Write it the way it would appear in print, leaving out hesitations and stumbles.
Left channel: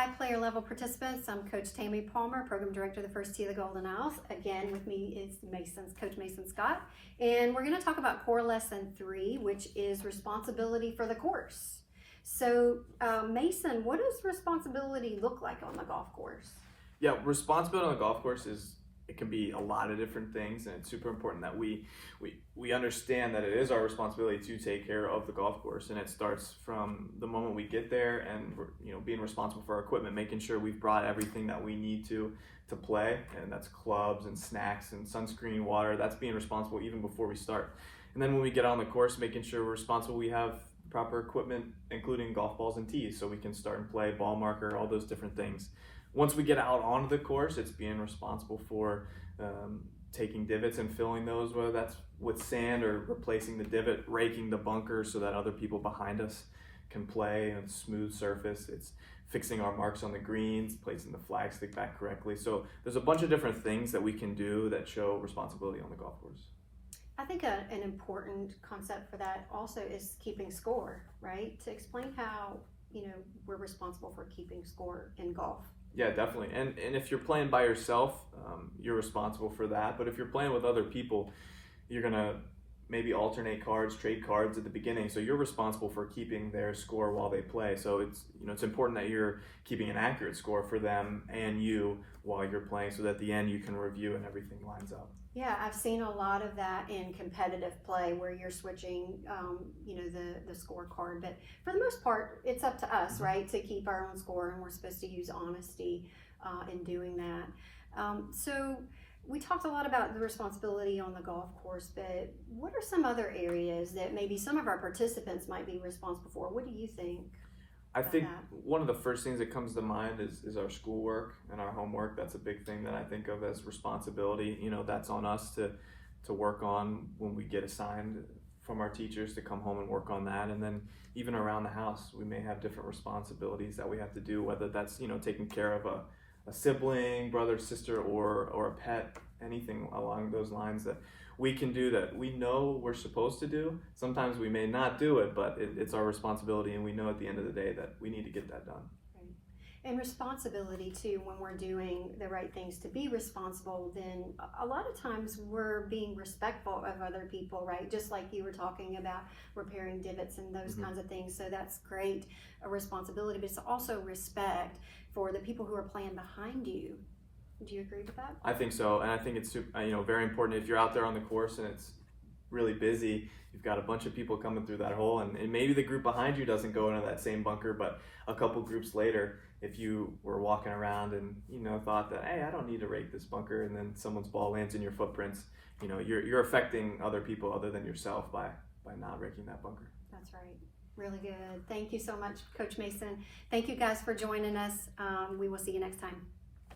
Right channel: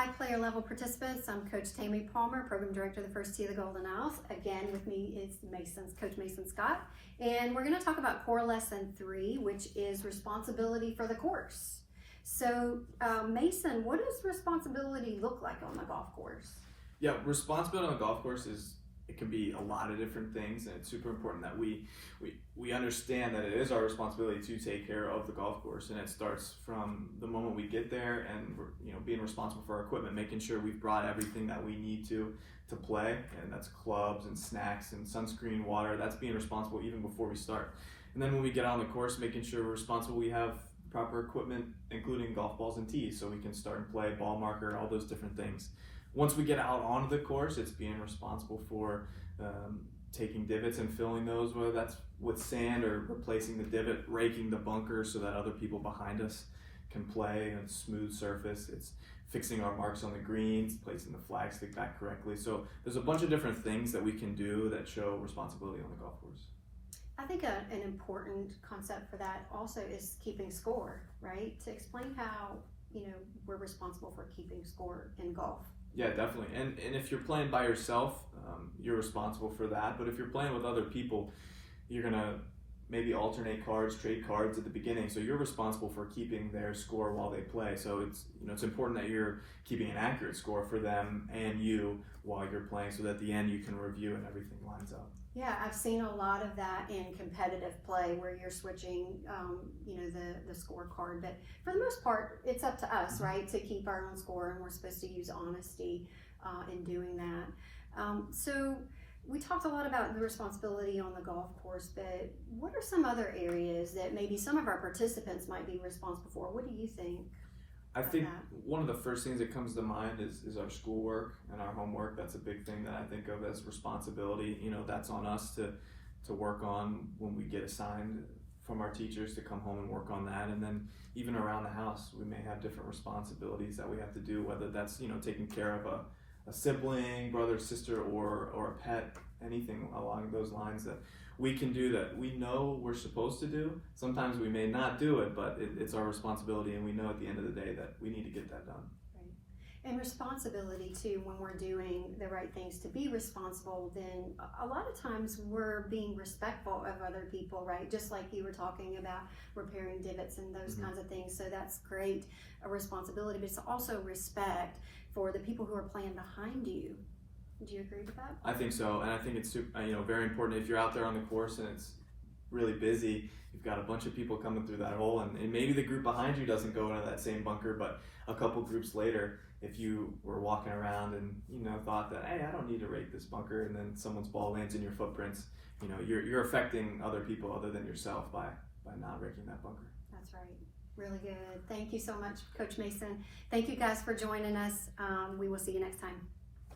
Hi, player level participants. I'm Coach Tammy Palmer, Program Director of the First Tee of the Golden Isles. Again, with me is Coach Mason Scott. And we're going to talk about Core Lesson 3, which is responsibility for the course. So, Mason, what does responsibility look like on the golf course? Yeah, responsibility on the golf course it can be a lot of different things, and it's super important that we understand that it is our responsibility to take care of the golf course, and it starts from the moment we get there, and we're, being responsible for our equipment, making sure we've brought everything that we need to play, and that's clubs and snacks and sunscreen, water. That's being responsible even before we start. And then when we get on the course, making sure we're responsible, we have proper equipment, including golf balls and tees, so we can start and play, ball marker, all those different things. Once we get out onto the course, it's being responsible for taking divots and filling those, whether that's with sand or replacing the divot, raking the bunker so that other people behind us can play in a smooth surface. It's fixing our marks on the greens, placing the flag stick back correctly. So there's a bunch of different things that we can do that show responsibility on the golf course. I think an important concept for that also is keeping score, right? To explain how, we're responsible for keeping score in golf. Yeah, definitely. And if you're playing by yourself, you're responsible for that. But if you're playing with other people, you're going to maybe alternate cards, trade cards at the beginning. So you're responsible for keeping their score while they play. So it's important that you're keeping an accurate score for them and you while you're playing, so that at the end you can review and everything lines up. Yeah, I've seen a lot of that in competitive play where you're switching, the scorecard. But for the most part, it's up to us, right, to keep our own score, and we're supposed to use honesty in doing that. So we talked a lot about the responsibility on the golf course, but what are some other areas that maybe some of our participants might be responsible for? What do you think? I think one of the first things that comes to mind is our schoolwork and our homework. That's a big thing that I think of as responsibility. That's on us to work on when we get assigned from our teachers to come home and work on that. And then even around the house, we may have different responsibilities that we have to do, whether that's, taking care of a sibling, brother, sister, or a pet, anything along those lines that we can do that we know we're supposed to do. Sometimes we may not do it, but it's our responsibility, and we know at the end of the day that we need to get that done. Right. And responsibility too, when we're doing the right things to be responsible, then a lot of times we're being respectful of other people, right? Just like you were talking about repairing divots and those kinds of things. So that's great, a responsibility, but it's also respect for the people who are playing behind you. Do you agree with that? I think so, and I think it's very important if you're out there on the course and it's really busy. You've got a bunch of people coming through that hole, and maybe the group behind you doesn't go into that same bunker, but a couple groups later, if you were walking around and thought that, hey, I don't need to rake this bunker, and then someone's ball lands in your footprints, you're affecting other people other than yourself by not raking that bunker. That's right. Really good. Thank you so much, Coach Mason. Thank you guys for joining us. We will see you next time.